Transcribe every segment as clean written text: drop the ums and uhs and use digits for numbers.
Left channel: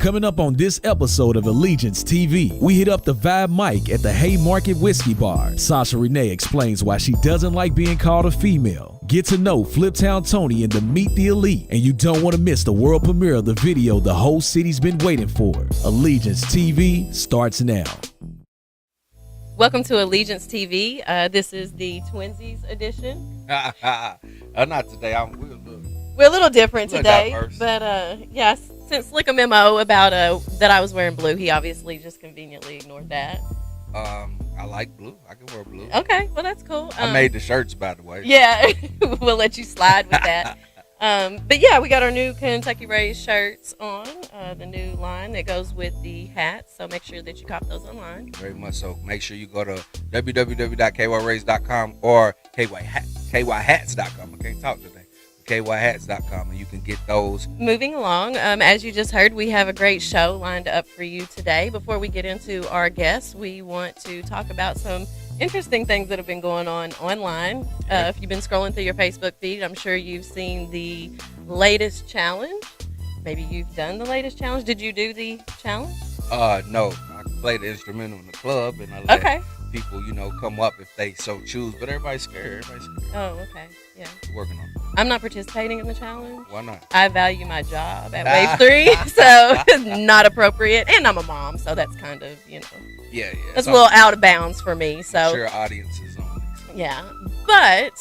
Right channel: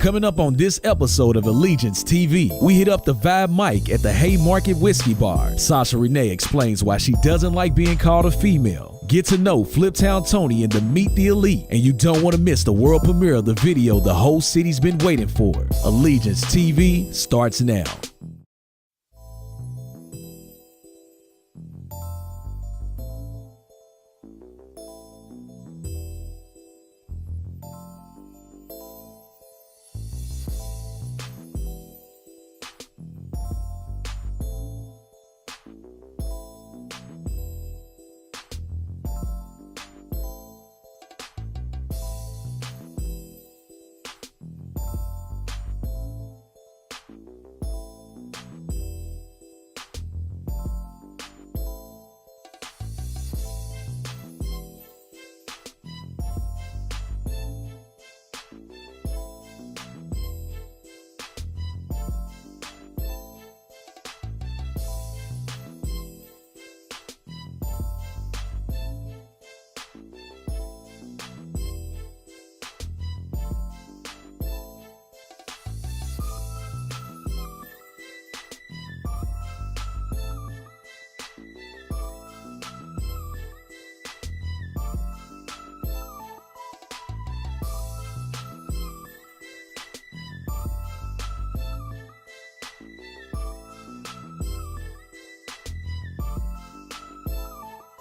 Coming up on this episode of ELITEgiance TV, we hit up the Vibe Mic at the Haymarket Whiskey Bar. Sasha Renee explains why she doesn't like being called a female. Get to know Fliptown Tony in the Meet the Elite, and you don't want to miss the world premiere of the video the whole city's been waiting for. ELITEgiance TV starts now. Welcome to ELITEgiance TV. This is the Twinsies edition. Not today. We're a little different today, diverse. but yeah, sent Slick a memo about that I was wearing blue. He obviously just conveniently ignored that. I like blue. I can wear blue. Okay, well that's cool. I made the shirts, by the way. Yeah, we'll let you slide with that. But yeah, we got our new Kentucky Rays shirts on, the new line that goes with the hats. So make sure that you cop those online. Very much so. Make sure you go to www.kyrays.com or kyhats.com. I can't talk today. kyhats.com, and you can get those. Moving along, as you just heard, we have a great show lined up for you today. Before we get into our guests, we want to talk about some interesting things that have been going on online. If you've been scrolling through your Facebook feed, I'm sure you've seen the latest challenge. Maybe you've done the latest challenge. Did you do the challenge? No. I played the instrumental in the club, and I let people, come up if they so choose. But everybody's scared. Oh, okay. Yeah. Working on it. I'm not participating in the challenge. Why not? I value my job at Wave 3, so not appropriate. And I'm a mom, so that's kind of, Yeah. That's a little out of bounds for me. So sure, audiences on. Yeah. But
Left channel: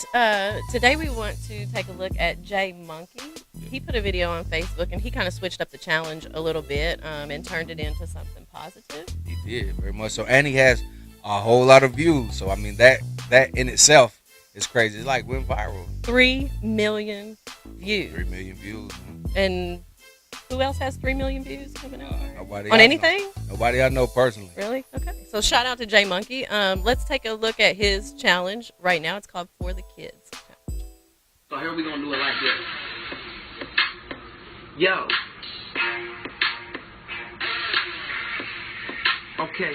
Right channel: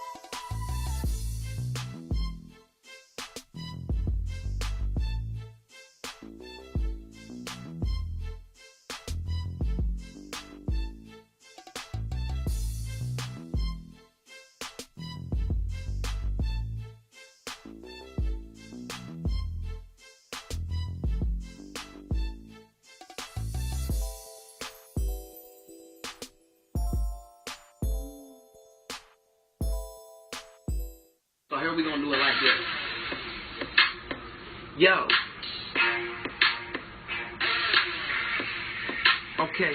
today we want to take a look at J Monkey. He put a video on Facebook, and he kind of switched up the challenge a little bit and turned it into something positive. He did, very much so. And he has a whole lot of views. So, I mean, that in itself is crazy. It's like went viral. 3 million views. 3 million views. And who else has 3 million views? Nobody on anything? Nobody I know personally. Really? Okay. So shout out to J Monkey. Let's take a look at his challenge right now. It's called For the Kids. So here we gonna do it like this. Yo. Okay.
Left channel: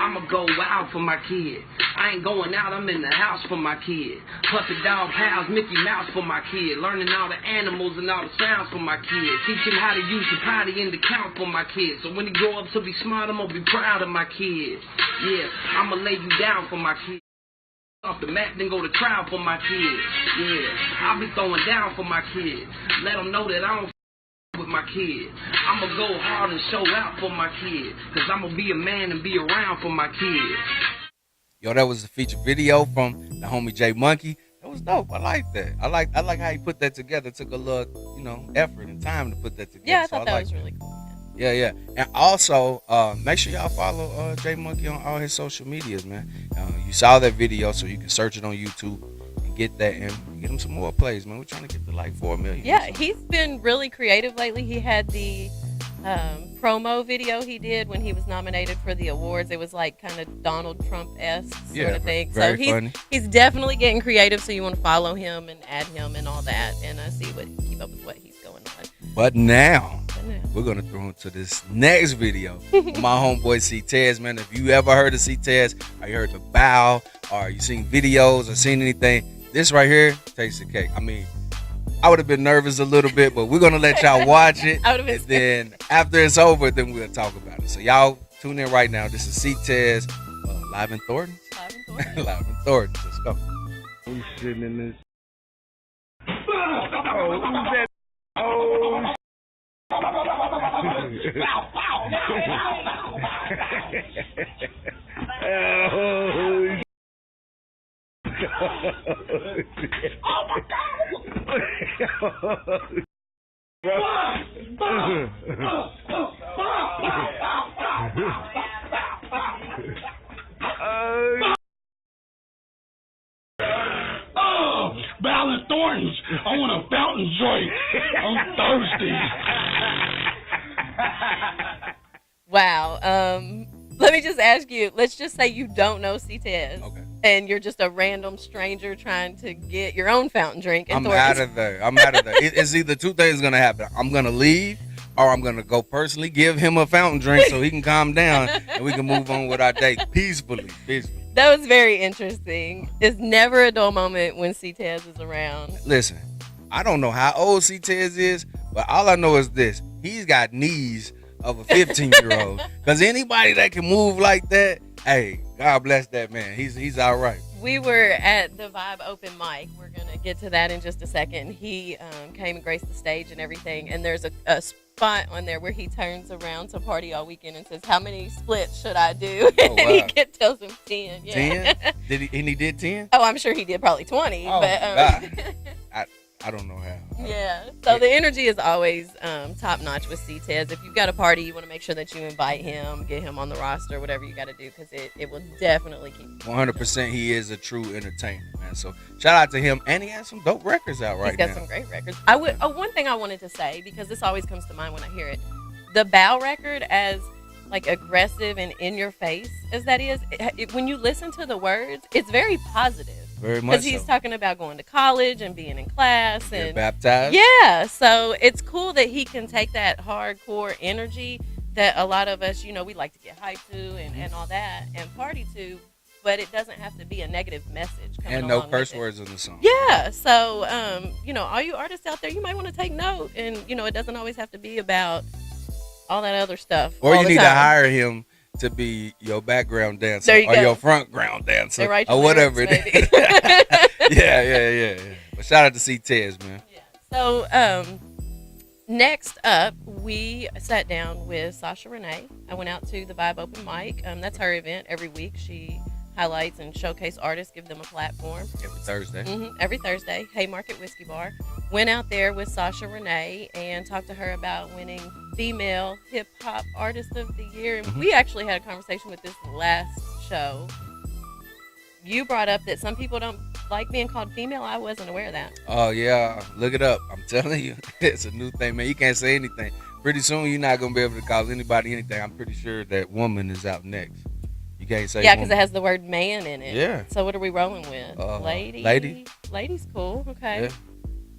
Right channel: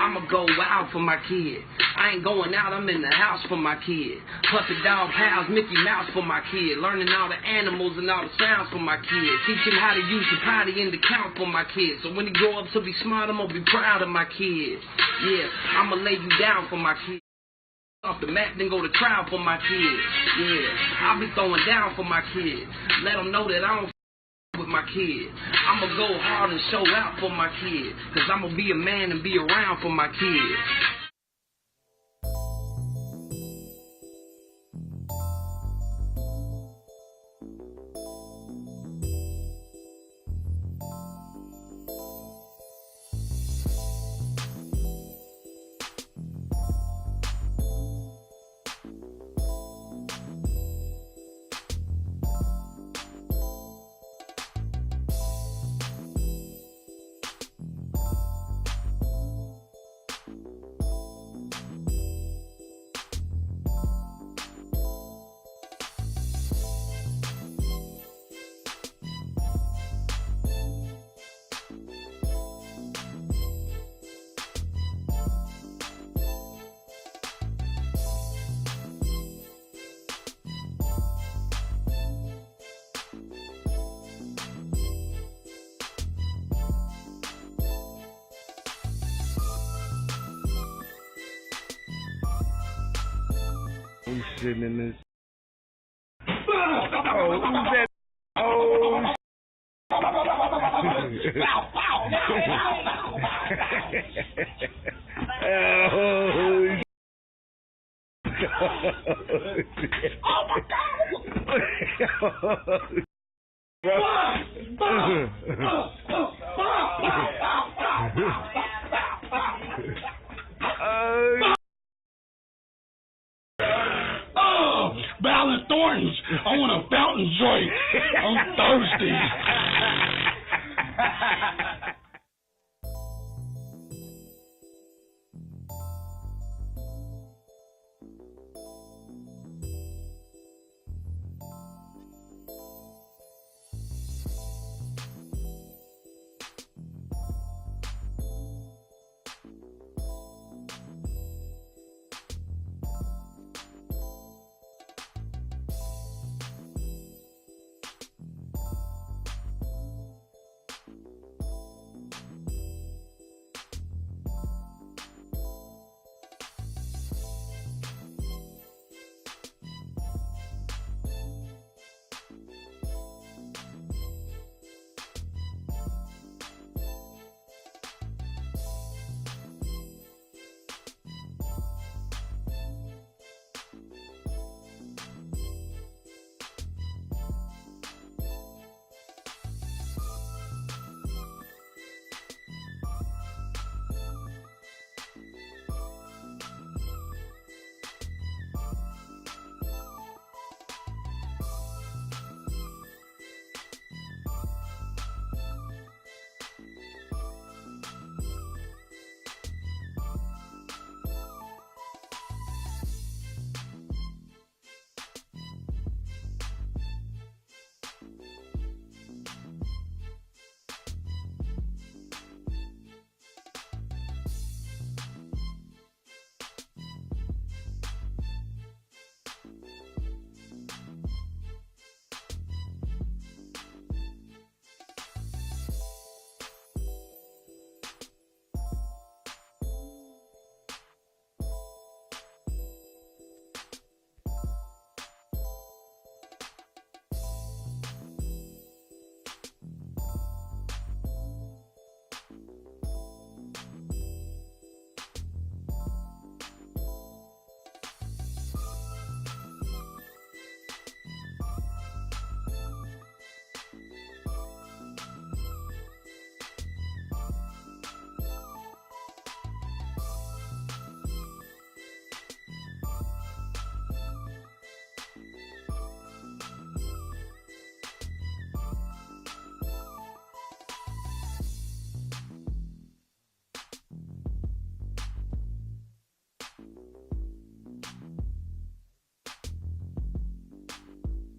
I'ma go wild for my kid. I ain't going out, I'm in the house for my kid. Puppet dog pals, Mickey Mouse for my kid. Learning all the animals and all the sounds for my kid. Teach him how to use the potty and the count for my kid. So when he grow up to be smart, I'm gonna be proud of my kid. Yeah, I'ma lay you down for my kid. Off the mat, then go to trial for my kid. Yeah, I'll be throwing down for my kid. Let them know that I don't with my kid. I'ma go hard and show out for my kid. Cause I'ma be a man and be around for my kid. Yo, that was a feature video from the homie J Monkey. That was dope. I like that. I like how he put that together. It took a little, effort and time to put that together. Yeah, I thought that was really cool. Yeah. And also, make sure y'all follow J Monkey on all his social medias, man. You saw that video, so you can search it on YouTube and get that and get him some more plays, man. We're trying to get to like 4 million. Yeah, he's been really creative lately. He had the promo video he did when he was nominated for the awards. It was like kind of Donald Trump-esque sort of thing. So he's definitely getting creative. So you want to follow him and add him and all that, and keep up with what he's going on. But now we're gonna throw into this next video. My homeboy C-Tez, man. If you ever heard of C-Tez, or you heard the bow, or you seen videos or seen anything, this right here takes the cake. I mean, I would have been nervous a little bit, but we're gonna let y'all watch it. And then after it's over, then we'll talk about it. So y'all tune in right now. This is C-Tez, live in Thornton. Live in Thornton. Let's go. Who's sitting in this? Oh, who's that? Oh. Oh my God! Balance Thorntons. I want a fountain joint. I'm thirsty. Wow. Let me just ask you. Let's just say you don't know C-Tez. Okay. And you're just a random stranger trying to get your own fountain drink. I'm out of there. It's either two things going to happen. I'm going to leave, or I'm going to go personally give him a fountain drink so he can calm down and we can move on with our day peacefully. That was very interesting. It's never a dull moment when C-Tez is around. Listen, I don't know how old C-Tez is, but all I know is this. he's got knees of a 15-year-old. Because anybody that can move like that, hey, God bless that man. He's all right. We were at the Vibe open mic. We're going to get to that in just a second. He came and graced the stage and everything, and there's a spot on there where he turns around to party all weekend and says, how many splits should I do? Oh, wow. And he tells him 10. Yeah. 10? And he did 10? Oh, I'm sure he did probably 20. Oh, but God. I don't know how. Yeah. So the energy is always top notch with C-Tez. If you've got a party, you want to make sure that you invite him, get him on the roster, whatever you got to do, because it will definitely keep. 100%, he is a true entertainer, man. So shout out to him, and he has some dope records out right now. He's got some great records. One thing I wanted to say, because this always comes to mind when I hear it, the Bow record, as like aggressive and in your face as that is, when you listen to the words, it's very positive. Very much because he's talking about going to college and being in class and baptized. Yeah, so it's cool that he can take that hardcore energy that a lot of us, we like to get hyped to and all that and party to, but it doesn't have to be a negative message. And no curse words in the song. Yeah, so all you artists out there, you might want to take note, and it doesn't always have to be about all that other stuff. Or you need to hire him to be your background dancer or your frontground dancer or whatever it is. Yeah. But shout out to C-Tez, man. Yeah. So next up, we sat down with Sasha Renee. I went out to the Vibe open mic. That's her event every week. She highlights and showcase artists, give them a platform. Every Thursday. Every Thursday, Haymarket Whiskey Bar. Went out there with Sasha Renee and talked to her about winning Female Hip Hop Artist of the Year. And we actually had a conversation with this last show. You brought up that some people don't like being called female. I wasn't aware of that. Oh, yeah. Look it up. I'm telling you. It's a new thing, man. You can't say anything. Pretty soon, you're not going to be able to call anybody anything. I'm pretty sure that woman is out next. Can't say because it has the word man in it. Yeah. So what are we rolling with? Lady. Lady's cool. Okay.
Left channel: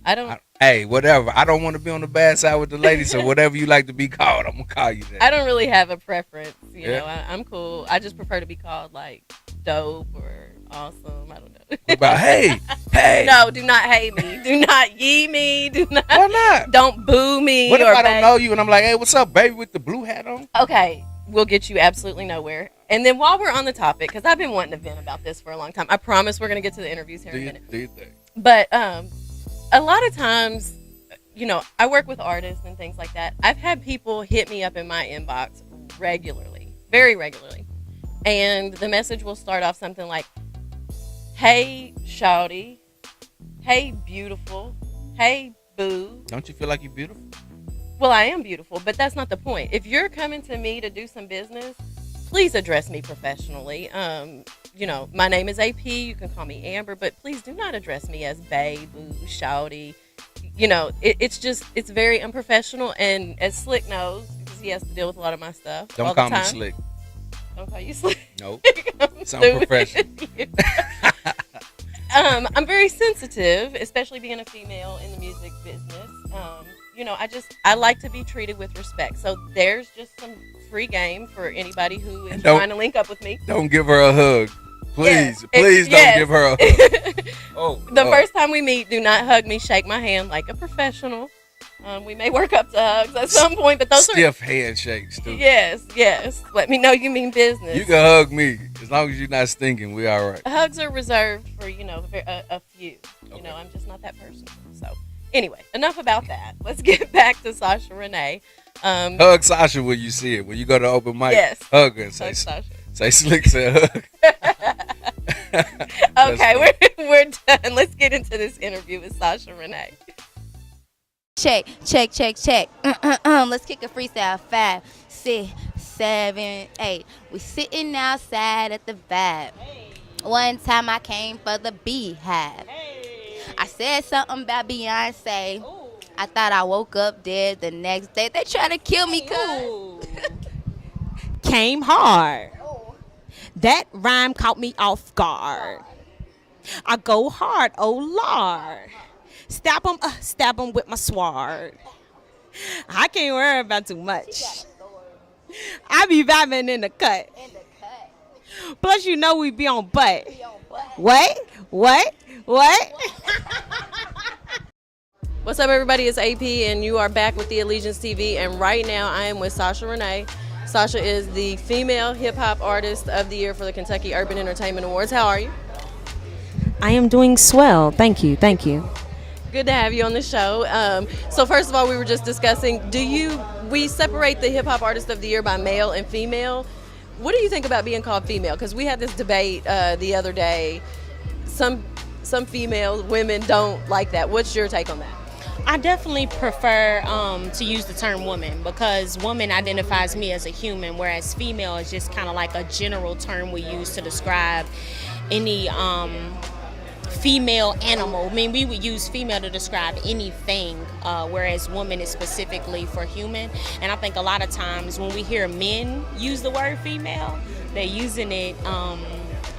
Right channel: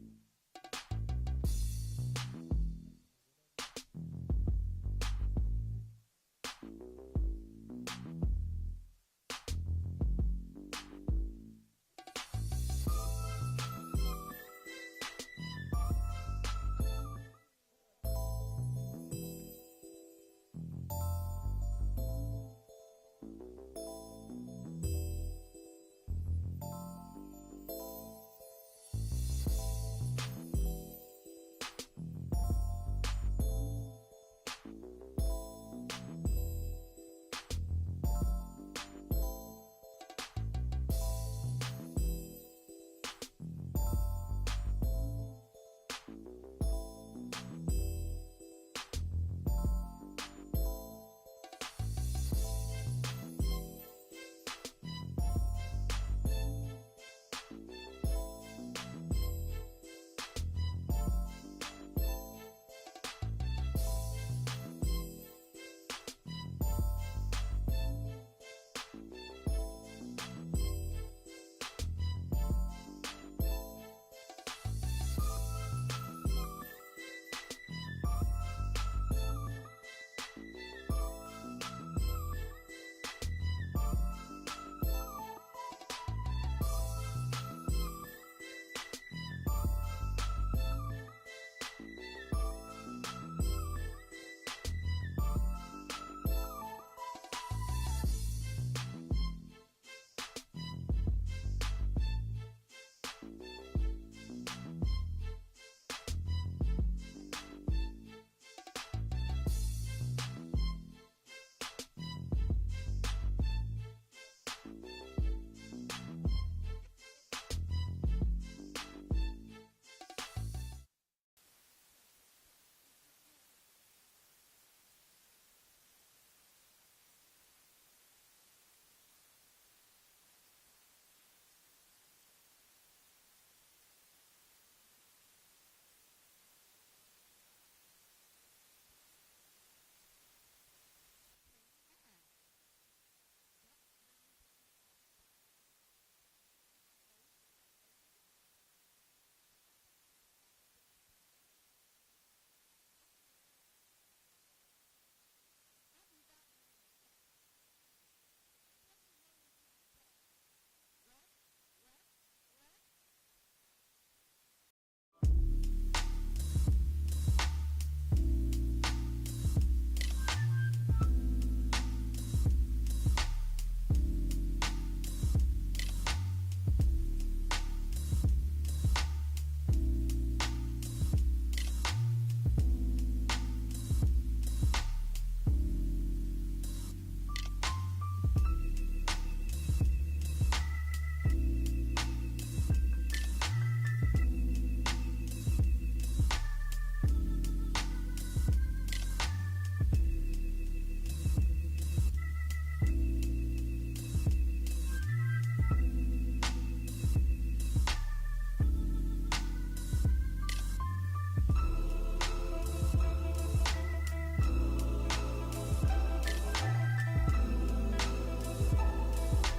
Yeah. Hey, whatever. I don't want to be on the bad side with the ladies, so whatever you like to be called, I'm gonna call you that. I don't really have a preference. You know, I'm cool. I just prefer to be called like dope or awesome. I don't know. What about hey? No, do not hate me. Do not yee me. Do not. Why not? Don't boo me. What if I don't know you and I'm like, hey, what's up, baby, with the blue hat on? Okay. We'll get you absolutely nowhere. And then while we're on the topic, because I've been wanting to vent about this for a long time, I promise we're going to get to the interviews here in a minute. Do you think? But a lot of times, I work with artists and things like that. I've had people hit me up in my inbox regularly, very regularly. And the message will start off something like, hey, shawty. Hey, beautiful. Hey, boo. Don't you feel like you're beautiful? Well, I am beautiful, but that's not the point. If you're coming to me to do some business, please address me professionally. My name is AP. You can call me Amber, but please do not address me as babe, boo, shawty. It's very unprofessional. And as Slick knows, because he has to deal with a lot of my stuff. Don't call me Slick. Don't call you Slick. Nope. Sound professional. I'm very sensitive, especially being a female in the music business. I like to be treated with respect. So there's just some free game for anybody who is trying to link up with me. Don't give her a hug. Please don't give her a hug. The first time we meet, do not hug me, shake my hand like a professional. We may work up to hugs at some point, but those stiff handshakes too. Yes. Let me know you mean business. You can hug me as long as you're not stinking. We all right. Hugs are reserved for a few. Okay. I'm just not that person. So anyway, enough about that. Let's get back to Sasha Renee. Hug Sasha when you see it. When you go to open mic, hug her and say Sasha. Say Slick said hug. Okay, we're done. Let's get into this interview with Sasha Renee. Check. Let's kick a freestyle. 5, 6, 7, 8. We sitting outside at the Vibe. One time I came for the Beehive. I said something about Beyonce. I thought I woke up dead the next day. They try to kill me, cuz. Came hard. That rhyme caught me off guard. I go hard, oh Lord. Stab 'em with my sword. I can't worry about too much. I be vibing in the cut. Plus, we be on butt. What? What's up, everybody? It's AP, and you are back with the ELITEgiance TV. And right now, I am with Sasha Renee. Sasha is the Female Hip Hop Artist of the Year for the Kentucky Urban Entertainment Awards. How are you? I am doing swell. Thank you. Thank you. Good to have you on the show. So first of all, we were just discussing, we separate the Hip Hop Artist of the Year by male and female. What do you think about being called female? Because we had this debate the other day. Some female women don't like that. What's your take on that? I definitely prefer to use the term woman because woman identifies me as a human, whereas female is just kind of like a general term we use to describe any female animal. I mean, we would use female to describe anything, whereas woman is specifically for human. And I think a lot of times when we hear men use the word female, they're using it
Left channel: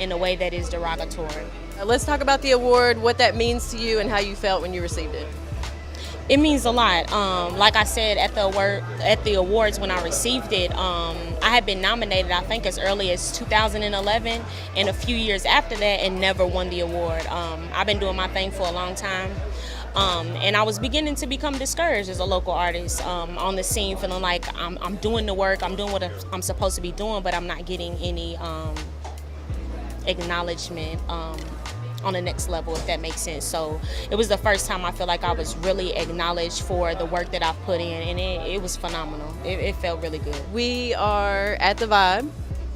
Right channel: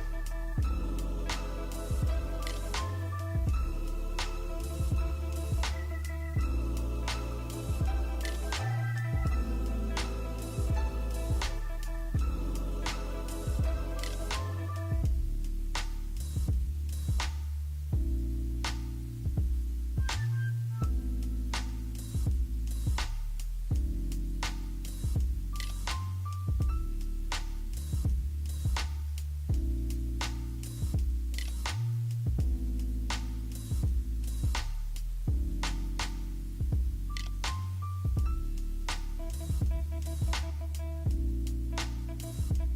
in a way that is derogatory. Let's talk about the award, what that means to you, and how you felt when you received it. It means a lot. Like I said at the awards when I received it, I had been nominated I think as early as 2011 and a few years after that and never won the award. I've been doing my thing for a long time. And I was beginning to become discouraged as a local artist on the scene, feeling like I'm doing the work, I'm doing what I'm supposed to be doing, but I'm not getting any acknowledgement on the next level, if that makes sense. So it was the first time I feel like I was really acknowledged for the work that I've put in, and it was phenomenal. It felt really good. We are at the Vibe,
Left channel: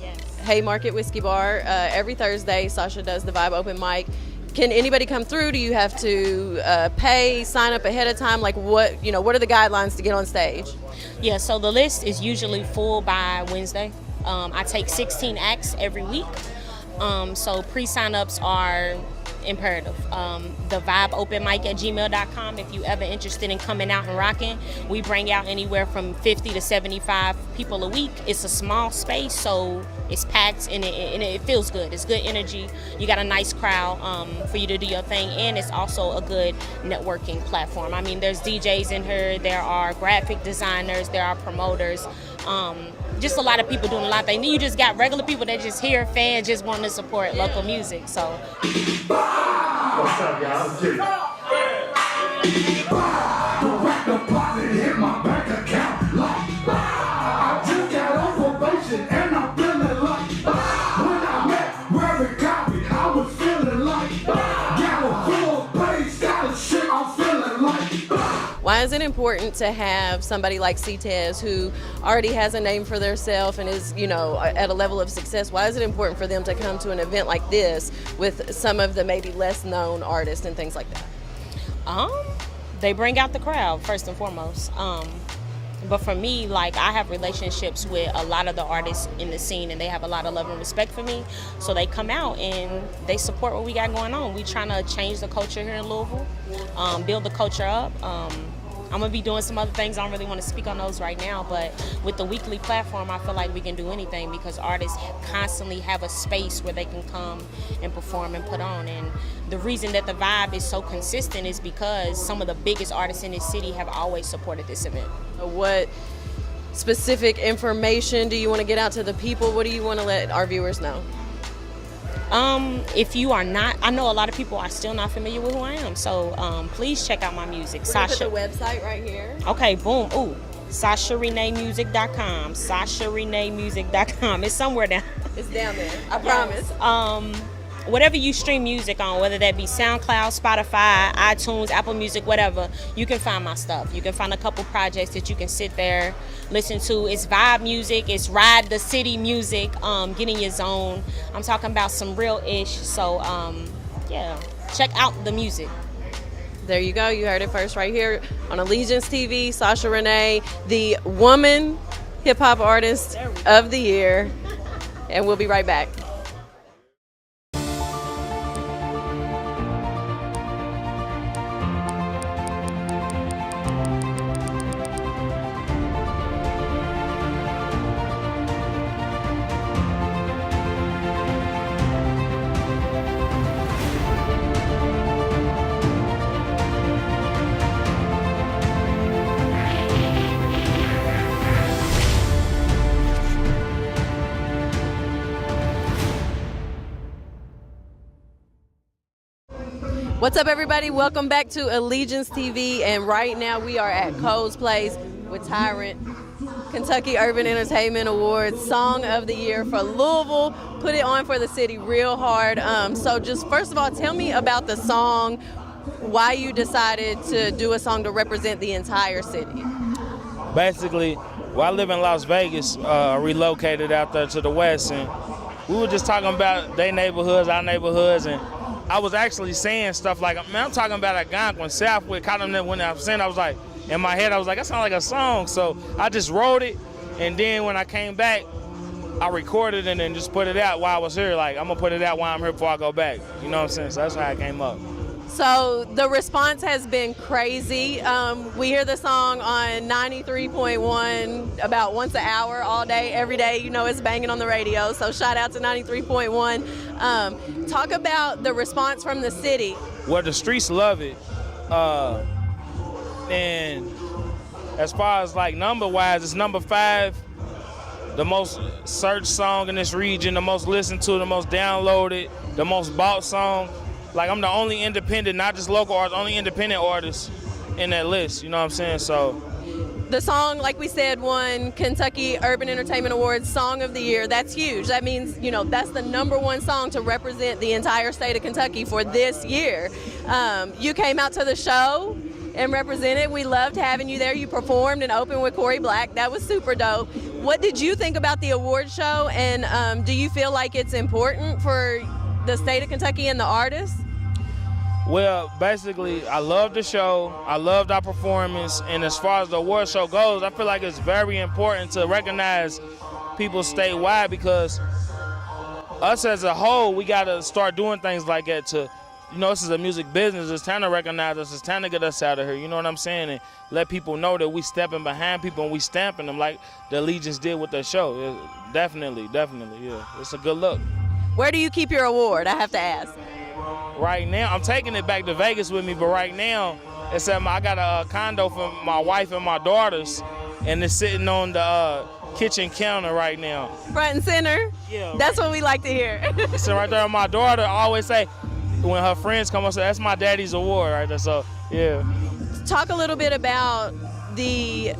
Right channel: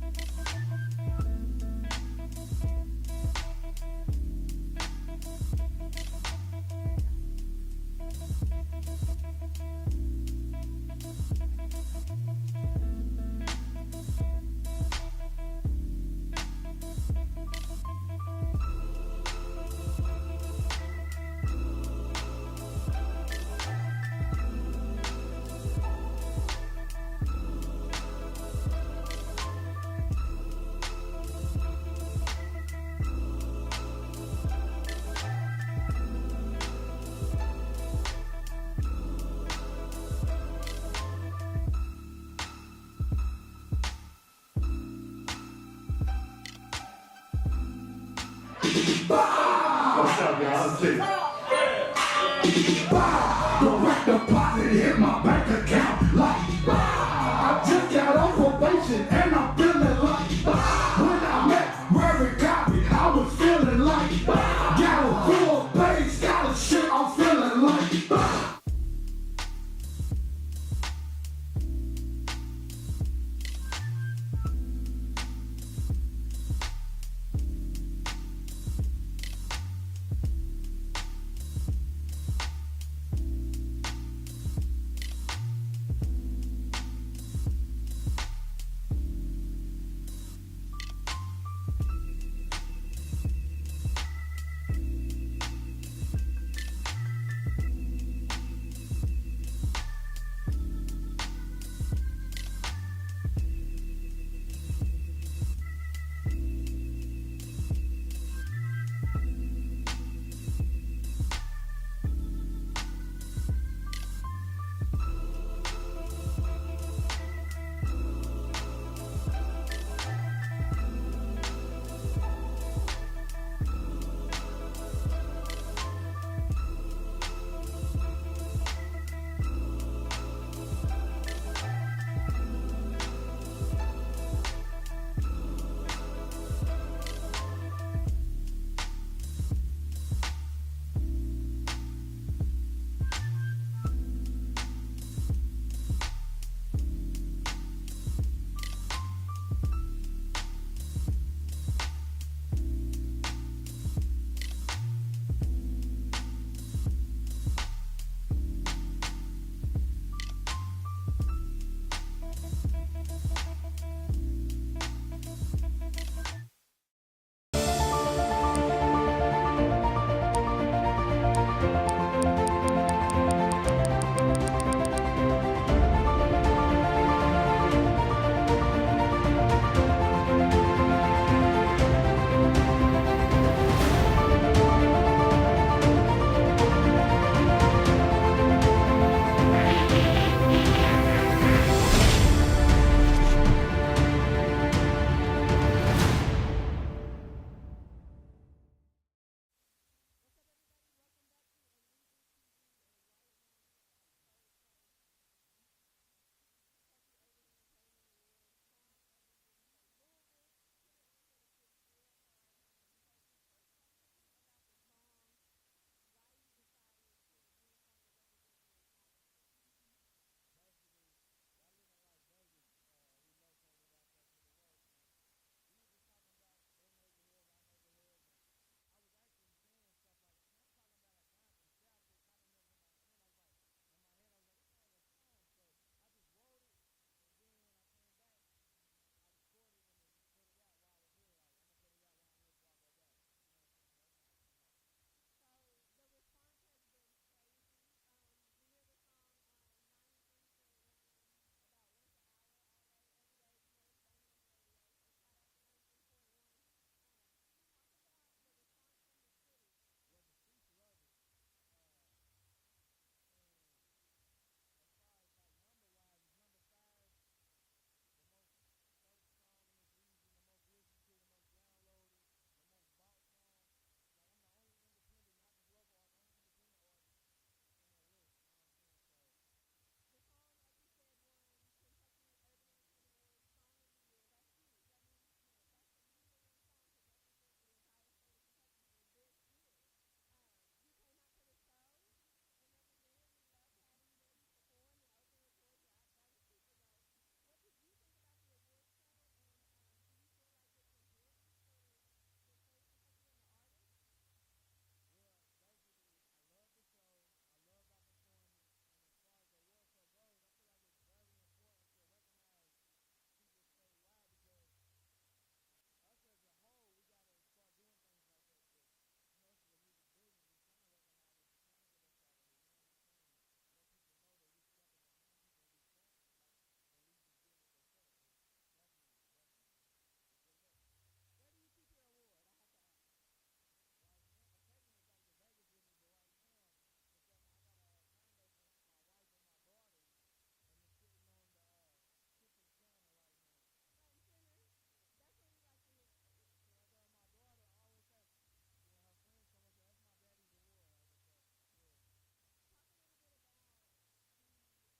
yes. Haymarket Whiskey Bar. Every Thursday, Sasha does the Vibe open mic. Can anybody come through? Do you have to pay, sign up ahead of time? Like what are the guidelines to get on stage? Yeah, so the list is usually full by Wednesday. I take 16 acts every week. So pre-sign-ups are imperative. The Vibe open mic at gmail.com. If you ever interested in coming out and rocking, we bring out anywhere from 50 to 75 people a week. It's a small space, so it's packed and it feels good. It's good energy. You got a nice crowd for you to do your thing, and it's also a good networking platform. I mean, there's DJs in here, there are graphic designers, there are promoters, just a lot of people doing a lot of things. You just got regular people that just here, fans just want to support local music. So. What's up, y'all? Direct deposit hit my bank account like I just got on probation and I'm feeling like when I met Reverend Copy, I was feeling like got a full page scholarship, I'm feeling like. Why is it important to have somebody like C-Tez who already has a name for themselves and is, at a level of success? Why is it important for them to come to an event like this with some of the maybe less known artists and things like that? They bring out the crowd first and foremost. But for me, like, I have relationships with a lot of the artists in the scene, and they have a lot of love and respect for me. So they come out and they support what we got going on. We trying to change the culture here in Louisville, build the culture up. I'm gonna be doing some other things. I don't really want to speak on those right now, but with the weekly platform, I feel like we can do anything because artists constantly have a space where they can come and perform and put on. And the reason that the Vibe is so consistent is because some of the biggest artists in this city have always supported this event. What specific information do you want to get out to the people? What do you want to let our viewers know? If you are not, I know a lot of people are still not familiar with who I am, so please check out my music. We're Sasha. gonna put the website right here. Okay, boom. Ooh, SashaReneeMusic.com. SashaReneeMusic.com. It's somewhere down. It's down there. I promise. Whatever you stream music on, whether that be SoundCloud, Spotify, iTunes, Apple Music, whatever, you can find my stuff. You can find a couple projects that you can sit there, listen to. It's vibe music, it's ride the city music, get in your zone. I'm talking about some real ish. So yeah, check out the music. There you go. You heard it first right here on ELITEgiance TV. Sasha Renee, the Woman Hip Hop Artist of the Year. And we'll be right back. What's up, everybody? Welcome back to ELITEgiance TV, and right now we are at Cole's Place with Tyrant, Kentucky Urban Entertainment Awards, Song of the Year for Louisville. Put it on for the city real hard. So just first of all, tell me about the song, why you decided to do a song to represent the entire city. Basically, well, I live in Las Vegas, relocated out there to the west, and we were just talking about their neighborhoods, our neighborhoods, and I was actually saying stuff like, man, I'm talking about Algonquin, Southwick, caught them when I was saying, I was like, in my head, I was like, that sounds like a song. So I just wrote it, and then when I came back, I recorded it and then just put it out while I was here. Like, I'm gonna put it out while I'm here before I go back. You know what I'm saying? So that's how it came up. So the response has been crazy. We hear the song on 93.1 about once an hour, all day, every day. You know, it's banging on the radio. So shout out to 93.1. Talk about the response from the city. Well, the streets love it. And as far as like number-wise, it's number 5, the most searched song in this region, the most listened to, the most downloaded, the most bought song. Like, I'm the only independent, not just local artist, only independent artist in that list, you know what I'm saying? So the song, like we said, won Kentucky Urban Entertainment Awards Song of the Year. That's huge. That means, you know, that's the #1 song to represent the entire state of Kentucky for this year. You came out to the show and represented. We loved having you there. You performed and opened with Kori Black. That was super dope. What did you think about the award show, and do you feel like it's important for the state of Kentucky and the artists? Well, basically, I loved the show. I loved our performance. And as far as the award show goes, I feel like it's very important to recognize people statewide, because us as a whole, we got to start doing things like that to, you know, this is a music business. It's time to recognize us. It's time to get us out of here. You know what I'm saying? And let people know that we stepping behind people and we stamping them like the ELITEgiance did with the show. Definitely, yeah. It's a good look. Where do you keep your award? I have to ask. Right now, I'm taking it back to Vegas with me, but right now, it's at I got a condo for my wife and my daughters, and it's sitting on the kitchen counter right now. Front and center? Yeah. That's what we like to hear. So right there, my daughter always say, when her friends come up, say, that's my daddy's award right there, so yeah. Talk a little bit about the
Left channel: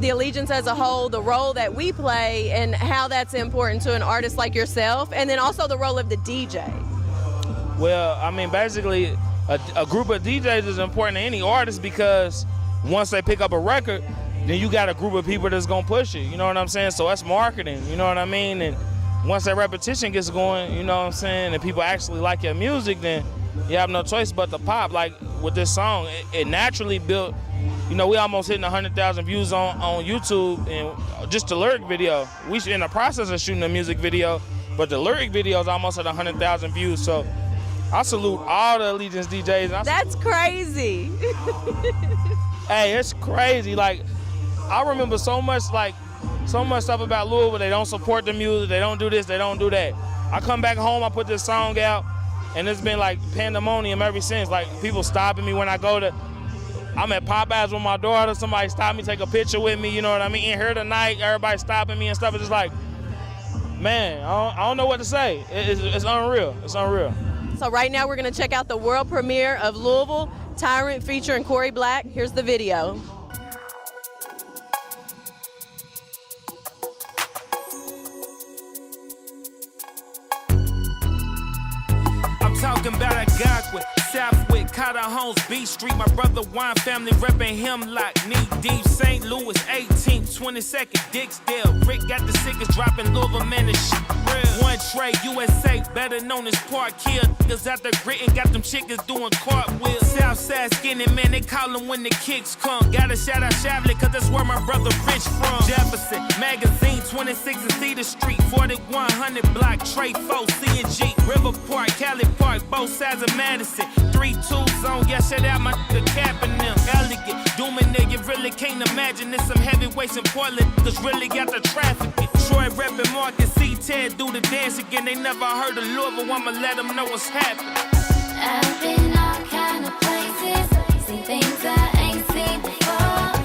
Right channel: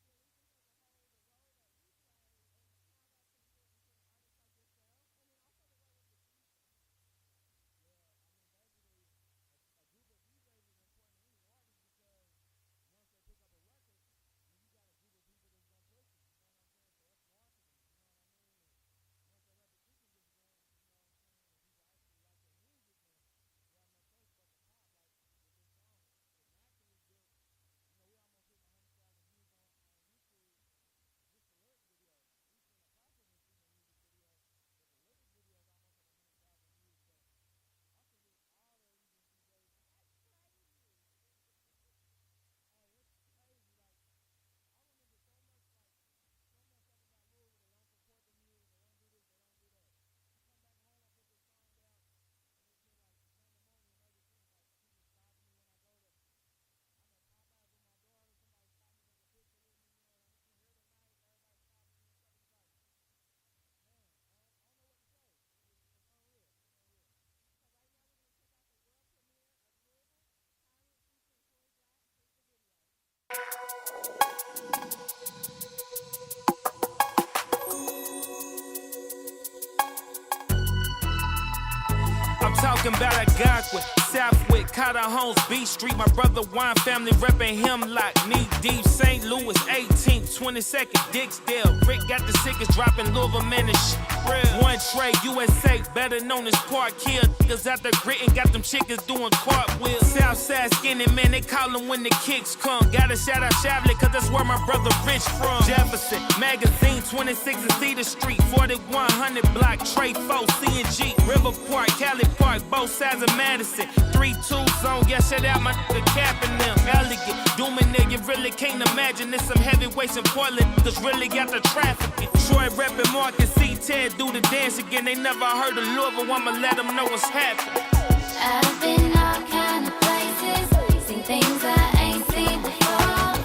ELITEgiance as a whole, the role that we play, and how that's important to an artist like yourself, and then also the role of the DJ. Well, I mean, basically, a group of DJs is important to any artist, because once they pick up a record, then you got a group of people that's gonna push it, you know what I'm saying? So that's marketing, you know what I mean? And once that repetition gets going, you know what I'm saying, and people actually like your music, then you have no choice but to pop. Like with this song, it naturally built, you know, we almost hitting 100,000 views on YouTube, and just the lyric video. We in the process of shooting a music video, but the lyric video is almost at 100,000 views. So I salute all the ELITEgiance DJs. That's crazy. Hey, it's crazy. Like, I remember so much stuff about Louisville. They don't support the music. They don't do this. They don't do that. I come back home, I put this song out, and it's been like pandemonium ever since. Like, people stopping me when I go to, I'm at Popeyes with my daughter. Somebody stop me, take a picture with me. You know what I mean? In here tonight, everybody stopping me and stuff. It's just like, man, I don't know what to say. It's unreal. It's unreal. So right now we're going to check out the world premiere of Louisville, Tyrant featuring Kori Black. Here's the video. I'm talking about Algonquin, Southwick, Cotter Homes, B Street. My brother Wine family reppin' him like knee deep. St. Louis, 18th, 22nd, Dixdale. Rick got the sickest dropping Louisville, man, this shit real. One Trade, USA, better known as Park Hill. Niggas out there grittin', got them chickens doing cartwheels. Southside skinny, man, they call them when the kicks come. Gotta shout out Chavley, cause that's where my brother Rich from. Jefferson, Magazine, 26 and Cedar Street. 4100 block, Trey 4, CNG. River Park, Cali Park, both sides of Madison. 3-2 zone, yeah, shout out my nigga Cap and them. Elegant, dooming there, you really can't imagine. There's some heavyweights in Portland, niggas really got the trafficking. Troy reppin' Mark and C-Tez do the dance again. They never heard of Louisville, I'ma let them know what's happening. I've been all kind of places, seen things I ain't seen before.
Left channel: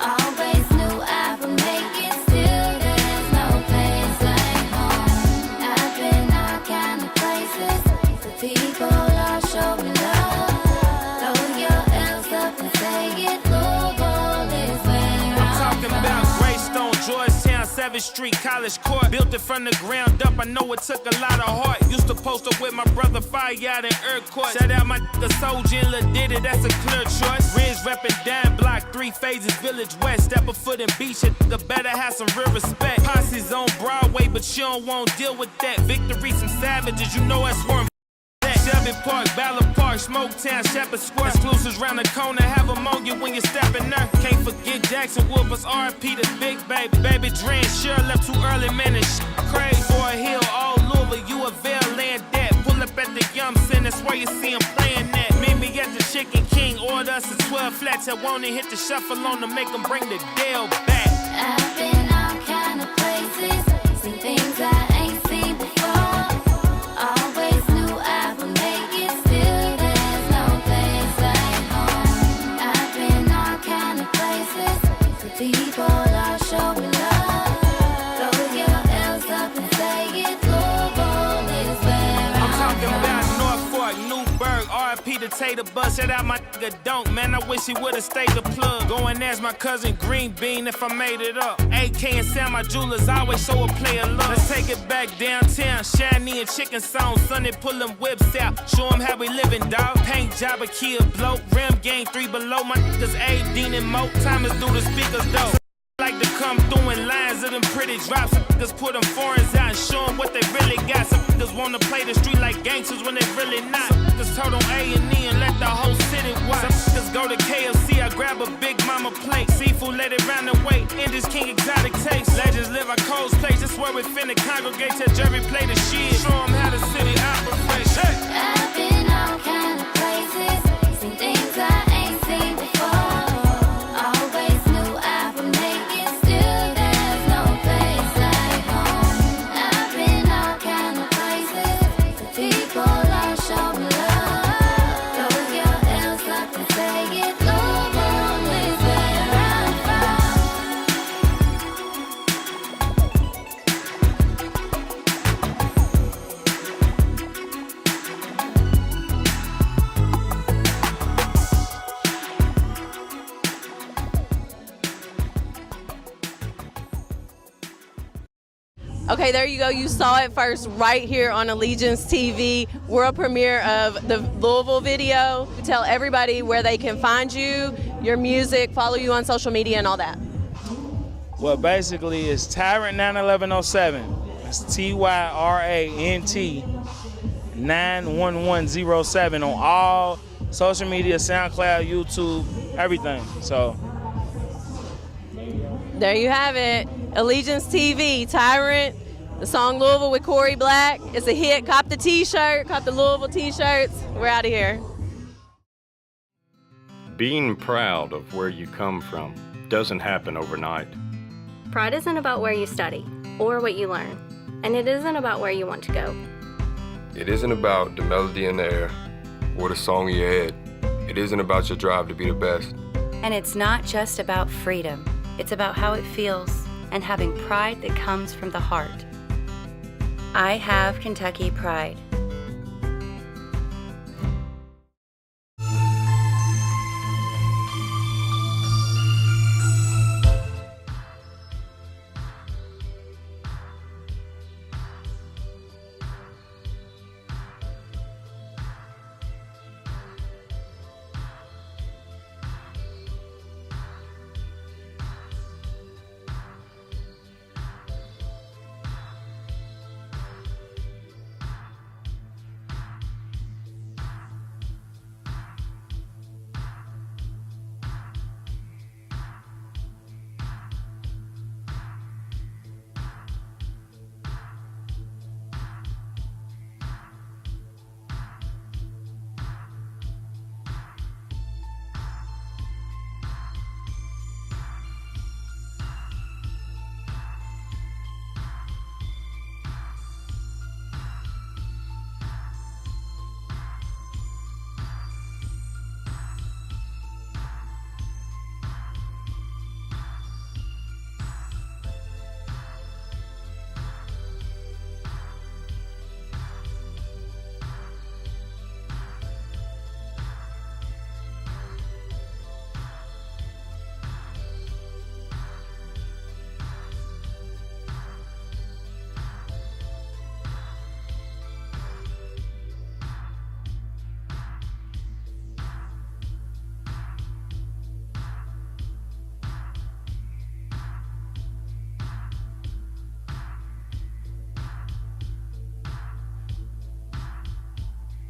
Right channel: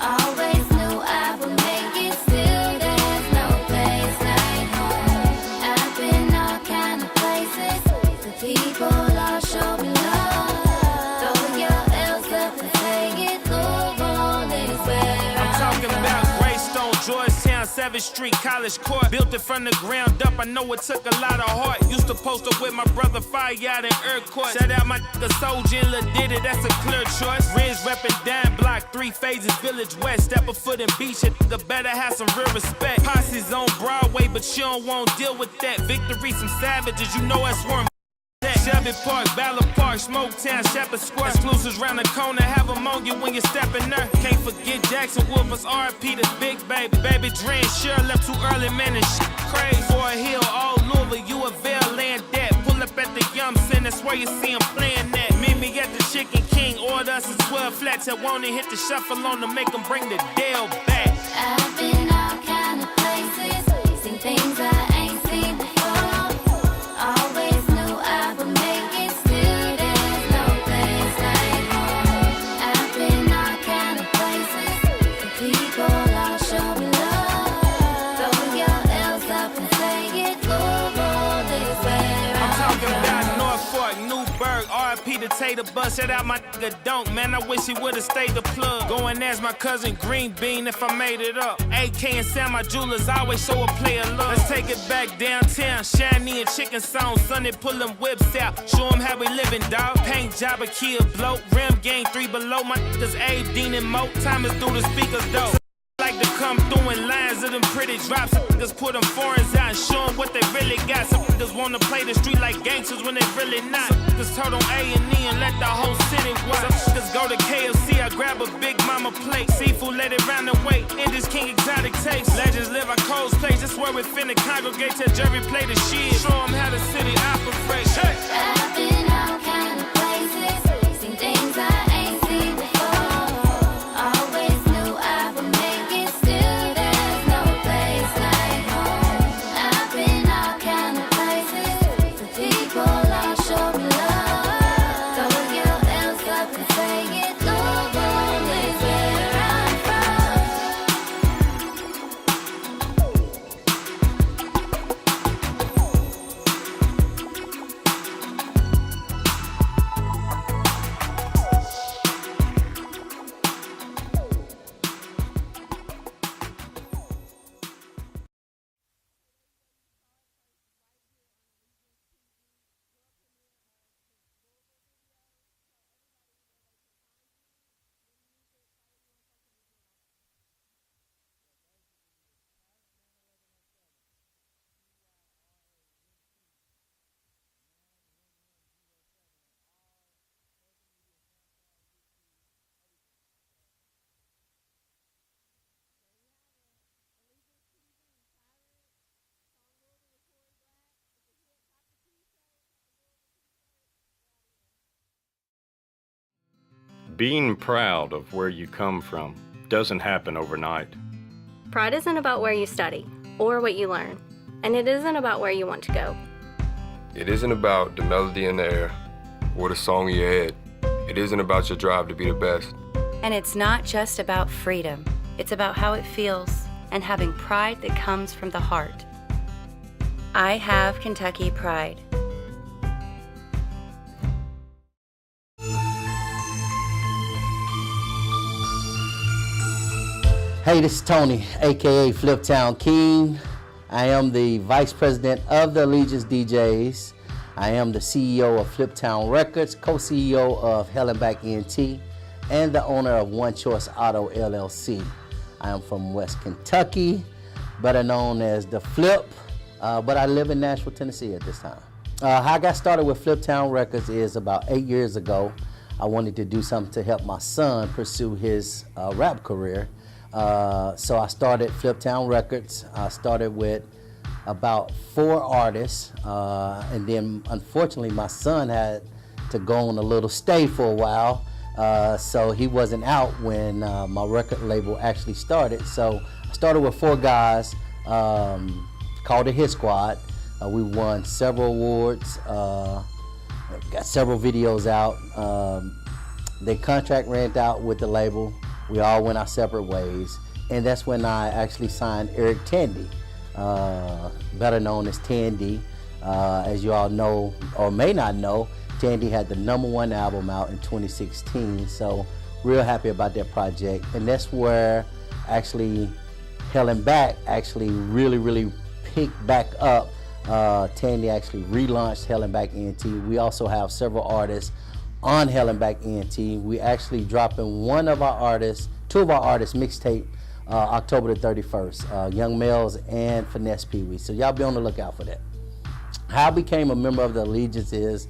Always knew I would make it, still there's no place like home. I've been all kind of places, the people all show me love. 7th Street College Court. Built it from the ground up, I know it took a lot of heart. Used to post up with my brother Fire out in Court. Shout out my nigga Soldier and Lil Diddy, that's a clear choice. Riz reppin' Dime Block, 3 Phases, Village West. Step a foot in beach, a nigga better have some real respect. Posse's on Broadway, but you don't want to deal with that. Victory, some savages, you know that's where Shelby Park, Ballard Park, Smoketown, Shepherd Square. Exclusives round the corner, have them on you when you're stepping there. Can't forget Jackson Wolfers, R.P. the Big Baby. Baby Dre sure left too early, man, and shit crazy. For a hill, all Louisville, you a Vail land that. Pull up at the Yum Center, that's where you see him playing that. Meet me at the Chicken King, order us a 12 flat. Till won't hit the shuffle on to make them bring the Dale back. I've been all kind of places, seen things I ain't seen before. Always knew I would make it, still there's no place like home. I've been all kind of places, the people all show me love. Throw your L's up and say it, Louisville is where I'm talking about Norfolk, Newburgh, R.P. the Tater Bus. Shout out my nigga Don't, man, I wish he would've stayed the plug. Go and ask my cousin Green Bean if I made it up. AK and Sam, my jewelers always show a player love. Let's take it back downtown, Shiny and Chicken Song. Sunday pull them whips out, show them how we living, dawg. Paint job, a kill, bloat, rim gang 3 below. My niggas Abe, Dean and Mo, time is through the speakers though. Like to come through in lines of them pretty drops. Some niggas put them foreigns out and show them what they really got. Some niggas wanna play the street like gangsters when they really not. Some niggas told on A&E and let the whole city watch. Some niggas go to KFC, I grab a Big Mama plate. Seafood, let it round and wait. Indies King exotic taste. Legends live our Cole's place. That's where we finna congregate till Jerry play the shit. Show them how the city operates. Hey. I've been all kind of places, seen things I ain't seen before. Always knew I would make it, still there's no place like home. I've been all kind of places, the people all show me love. Throw your L's up and say it, Louisville is where I'm from. Okay, there you go. You saw it first right here on ELITEgiance TV, world premiere of the Louisville video. Tell everybody where they can find you, your music, follow you on social media and all that. Well, basically, it's Tyrant 91107. It's TYRANT 91107 on all social media, SoundCloud, YouTube, everything. So There you have it. ELITEgiance TV, Tyrant, the song Louisville with Kori Black. It's a hit. Cop the t-shirt, cop the Louisville t-shirts. We're out of here. Being proud of where you come from doesn't happen overnight. Pride isn't about where you study or what you learn, and it isn't about where you want to go. It isn't about the melody in the air or the song in your head. It isn't about your drive to be the best. And it's not just about freedom. It's about how it feels and having pride that comes from the heart. I have Kentucky pride. Hey, this is Tony, aka Fliptown King. I am the Vice President of the ELITEgiance DJs. I am the CEO of Fliptown Records, co-CEO of Hell and Back ENT, and the owner of One Choice Auto LLC. I am from West Kentucky, better known as the Flip, but I live in Nashville, Tennessee at this time. How I got started with Fliptown Records is about 8 years ago. I wanted to do something to help my son pursue his rap career. So I started Fliptown Records. I started with about 4 artists, and then unfortunately my son had to go on a little stay for a while, so he wasn't out when my record label actually started. So I started with 4 guys, called the Hit Squad. We won several awards, got several videos out. The contract ran out with the label. We all went our separate ways, and that's when I actually signed Eric Tandy, better known as Tandy. As you all know, or may not know, Tandy had the #1 album out in 2016, so real happy about that project. And that's where actually Helen Back actually really picked back up. Tandy actually relaunched Helen Back ENT. We also have several artists on Helen Back ENT. We actually dropping two of our artists mixtape October the 31st, Young Males and Finesse Pee Wee. So y'all be on the lookout for that. How I became a member of the Allegiance is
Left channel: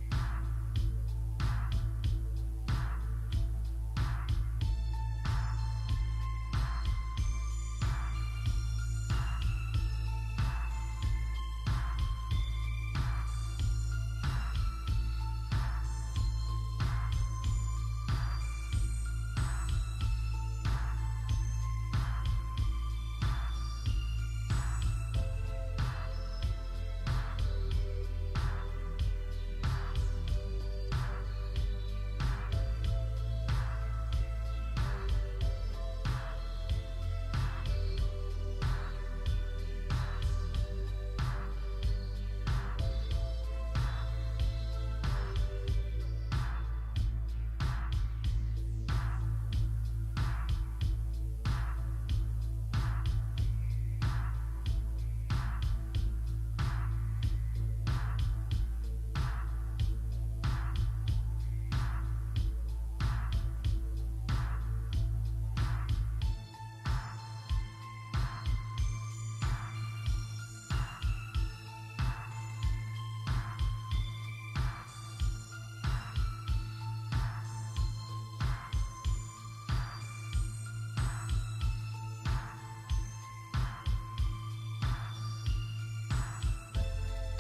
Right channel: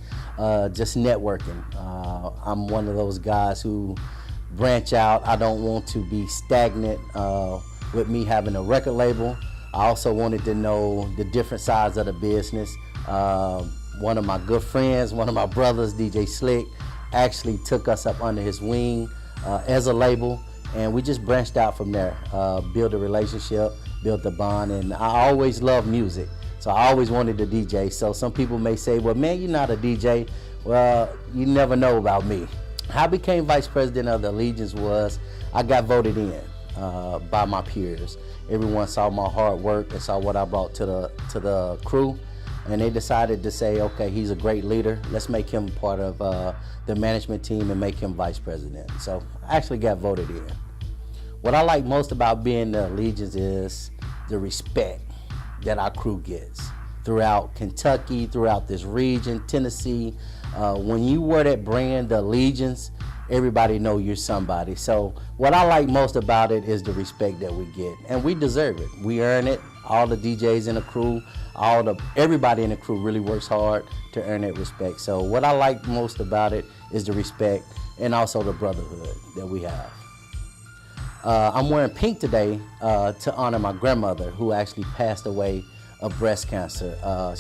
just networking. I'm one of those guys who branch out. I don't want to be stagnant with me having a record label. I also wanted to know the different sides of the business. One of my good friends, one of my brothers, DJ Slick, actually took us up under his wing as a label, and we just branched out from there, built a relationship, built a bond, and I always loved music, so I always wanted to DJ. So some people may say, well, man, you're not a DJ. Well, you never know about me. How I became vice president of the Allegiance was I got voted in by my peers. Everyone saw my hard work and saw what I brought to the crew, and they decided to say, okay, he's a great leader. Let's make him part of the management team and make him vice president. So I actually got voted in. What I like most about being the Allegiance is the respect that our crew gets throughout Kentucky, throughout this region, Tennessee. When you wear that brand, the Allegiance, everybody know you're somebody. So what I like most about it is the respect that we get, and we deserve it. We earn it. All the DJs in the crew, everybody in the crew really works hard to earn that respect. So what I like most about it is the respect and also the brotherhood that we have. I'm wearing pink today to honor my grandmother, who actually passed away of breast cancer.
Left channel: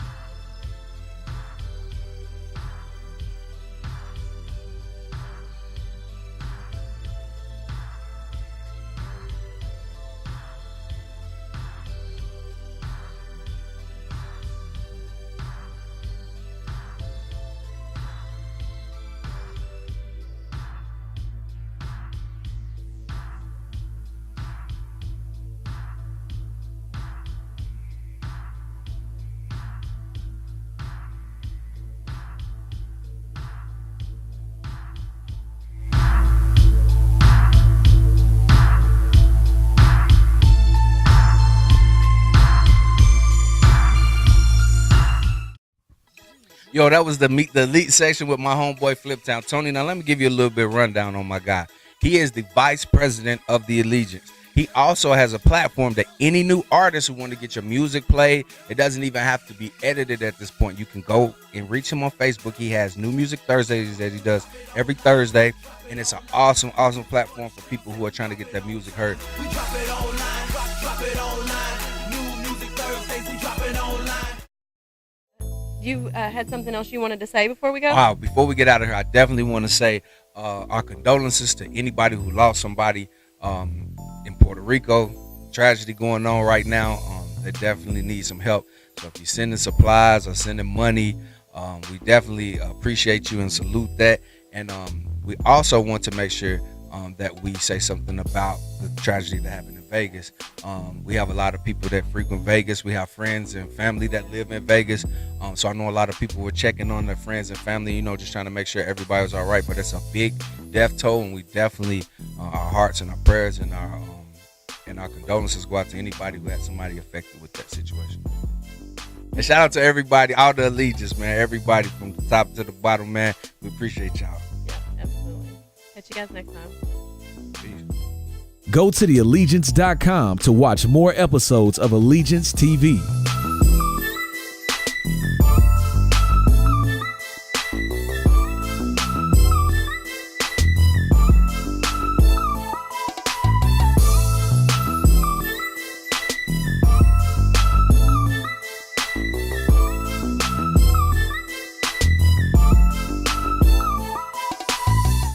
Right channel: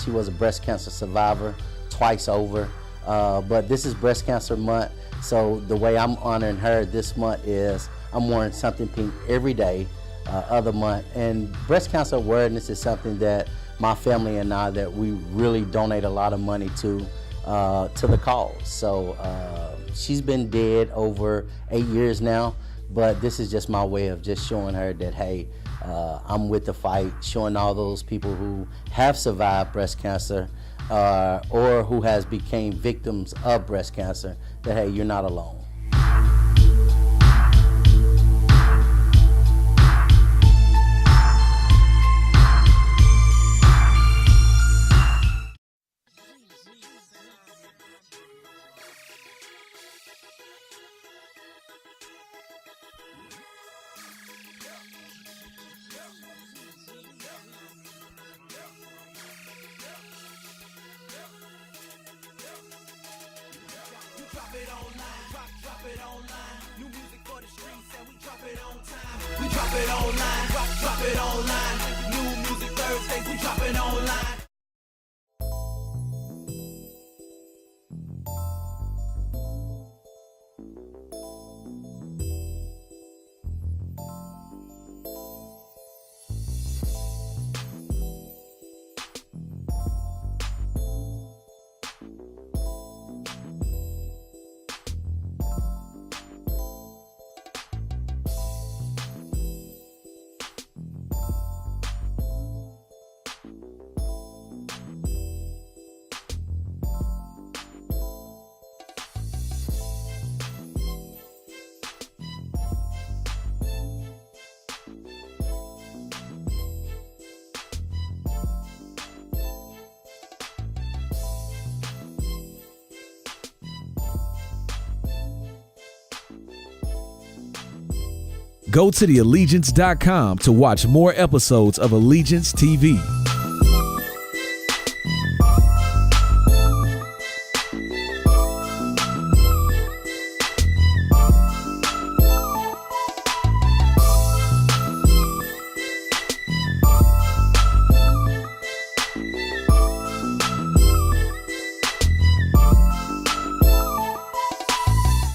She was a breast cancer survivor twice over. But this is breast cancer month, so the way I'm honoring her this month is I'm wearing something pink every day, other month. And breast cancer awareness is something that my family and I, that we really donate a lot of money to the cause. So she's been dead over 8 years now, but this is just my way of just showing her that, hey, I'm with the fight, showing all those people who have survived breast cancer or who has became victims of breast cancer, that, hey, you're not alone. Yo, that was the elite section with my homeboy Fliptown Tony. Now let me give you a little bit rundown on my guy. He is the vice president of the Allegiance. He also has a platform that any new artist who want to get your music played, it doesn't even have to be edited at this point. You can go and reach him on Facebook. He has New Music Thursdays that he does every Thursday, and it's an awesome platform for people who are trying to get their music heard. We drop it online, drop it online. New Music Thursdays, we drop it online. You had something else you wanted to say before we go? Wow, before we get out of here, I definitely want to say our condolences to anybody who lost somebody in Puerto Rico. Tragedy going on right now. They definitely need some help. So if you're sending supplies or sending money, we definitely appreciate you and salute that. And we also want to make sure that we say something about the tragedy that happened in Vegas. We have a lot of people that frequent Vegas. We have friends and family that live in Vegas. So I know a lot of people were checking on their friends and family, you know, just trying to make sure everybody was all right. But it's a big death toll, and we definitely, our hearts and our prayers and our condolences go out to anybody who had somebody affected with that situation. And shout out to everybody, all the Allegiance, man. Everybody from the top to the bottom, man. We appreciate y'all. Absolutely. Catch you guys next time. Go to theallegiance.com to watch more episodes of ELITEgiance TV.